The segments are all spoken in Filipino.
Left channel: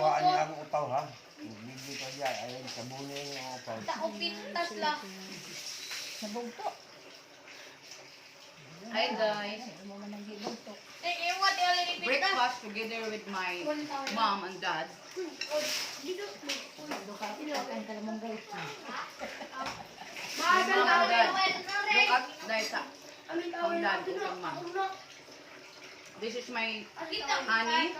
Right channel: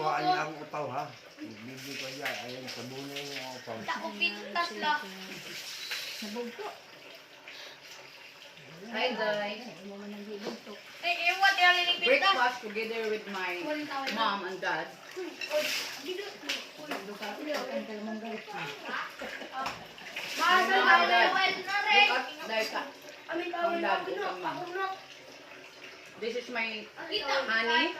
kuhaan niya ang upaw ha. Bibili ko dyan. Ayan, sabunin niya ang upaw. Takupintas lang. Nabugto. Hi guys. Mo man ang gibugto. Eh, what yung linipintas? Breakfast together with my mom and dad. Duka kan kalmanggal. Mahal Mom ka and dad. Look at Daika. Ang dad ko kang mom. This is my honey.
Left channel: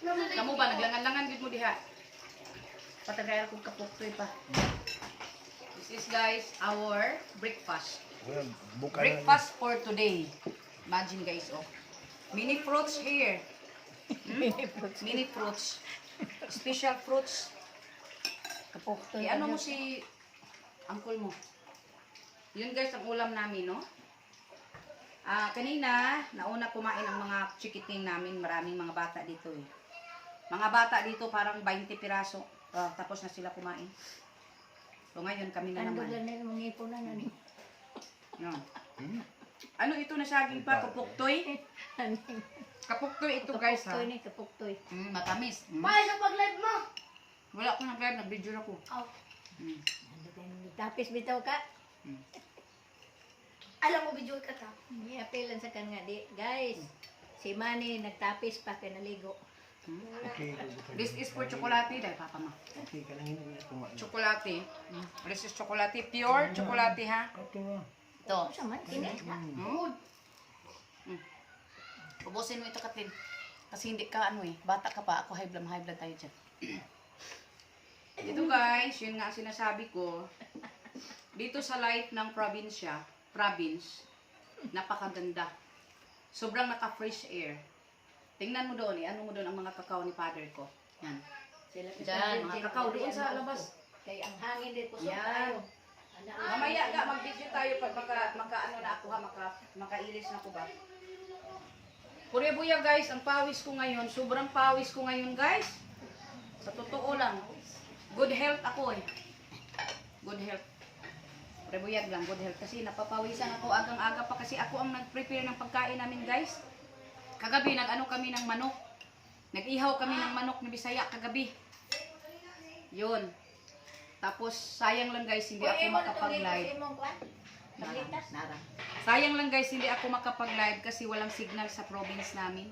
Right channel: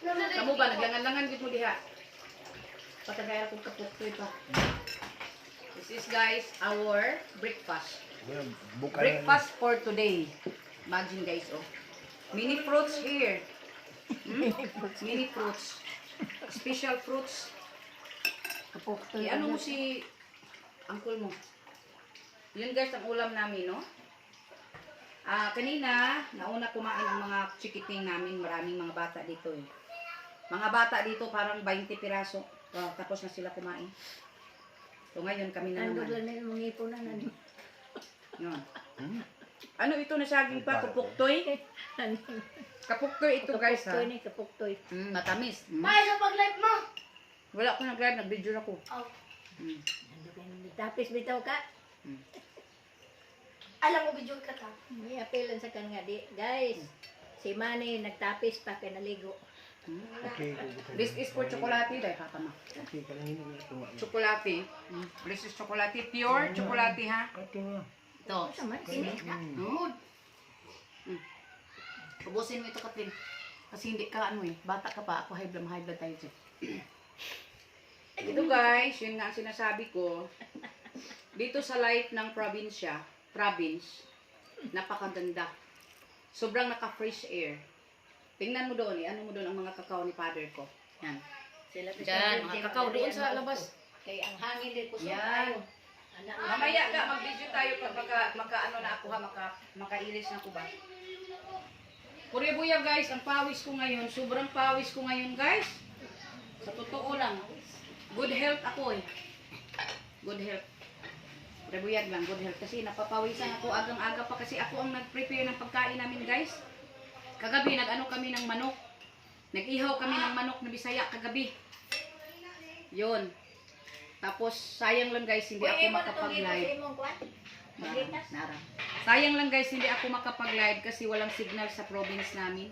Kamu ba naglangan-langan gid mo diha? Patagayal kong kapuktoy pa. This is guys our breakfast. Well, buka na Breakfast for today. Imagine guys, oh. Mini fruits here. Mini fruits. Special fruits. Kapukto. Ano mo si uncle mo? Yun guys ang ulam namin, no? Kanina, nauna kumain ang mga chikiting namin. Maraming mga bata dito eh. Mga bata dito parang 20 piraso. Tapos na sila kumain. So ngayon kami na Tandog naman. lang na mga ipunan na ni. Yun. Ano ito na saging pa? Kapuktoy? Kapuktoy ito guys ha. Kapuktoy ni kapuktoy. Matamis. Mahal sa pag-live mo. Wala ko nag-live, nag-video ako. Oh. Tapis bitaw ka. Alam mo, video ka ta. I-appealan sa kan nga di. Guys, si Manny nagtapis pa kay naligo. Okay. This is for chocolate dahil papa mo. Okay, ka lang hindi ko nga. Chocolate. This is chocolate. Pure chocolate ha. Okay na. Ito. Sa man ini. Good. Ubusin mo ito Katin. Kasi hindi ka ano eh. Bata ka pa. Ako high blood tayo dyan. Ito guys, yun nga ang sinasabi ko. Dito sa light ng province, napakaganda. Sobrang naka-fresh air. Tingnan mo doon eh. Ano mo doon ang mga kakao ni father ko. Yan. Sila Diyan, mga kakao doon sa labas. Kay ang hangin din kusog Yan. tayo. Anak Mamaya ka, mag-video tayo pag maka-ano na ako ha, makailis na ako ba. Kurebuya guys, ang pawis ko ngayon, sobrang pawis ko ngayon guys. Sa totoo lang. Good health ako eh. Good health. Kurebuyag lang, good health. Kasi napapawisan ako agang-aga pa kasi ako ang nag-prepare ng pagkain namin guys. Kagabi, nag-ano kami ng manok. Nag-ihaw kami ng manok na Bisaya kagabi. Yun. Tapos, sayang lang guys, hindi ako makapag-live. Nara. Sayang lang guys, hindi ako makapag-live kasi walang signal sa province namin.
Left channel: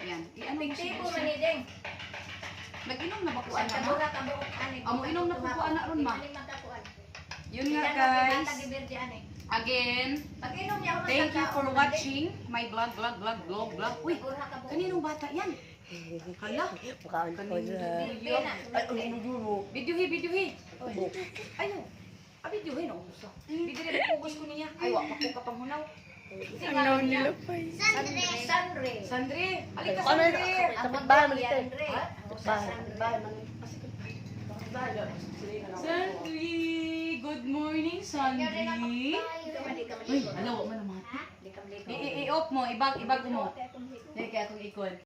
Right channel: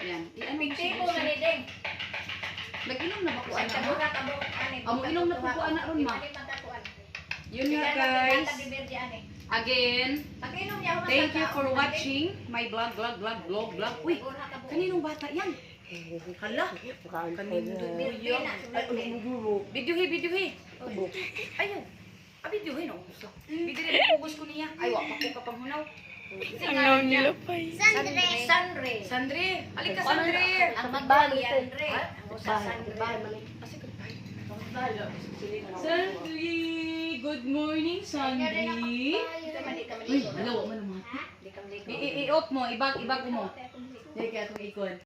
Yan. Ano mo Tipo siya? man ni ding. Nag-inom na ba ko ana mo? Tabura tabok ani. Amo inom na po ana ron ma. Yun nga guys. Again, Pag-inom niya ako thank you for watching my vlog. Uy, kaninong bata yan? Hala, kaninong yun? Videohi. Ayaw. Videohi no. Video rin pugos ko niya. Ay, wak ko kapang hunaw. Ang naon nila pa. Sandre. Sandre, halika Sandre. Ang magbali Andre. Ang usa Sandre. Sandre, good morning Sandre. Uy, hala, wak mo naman. Di ka maligo. I-off mo, ibag mo. Hindi kaya itong ikon.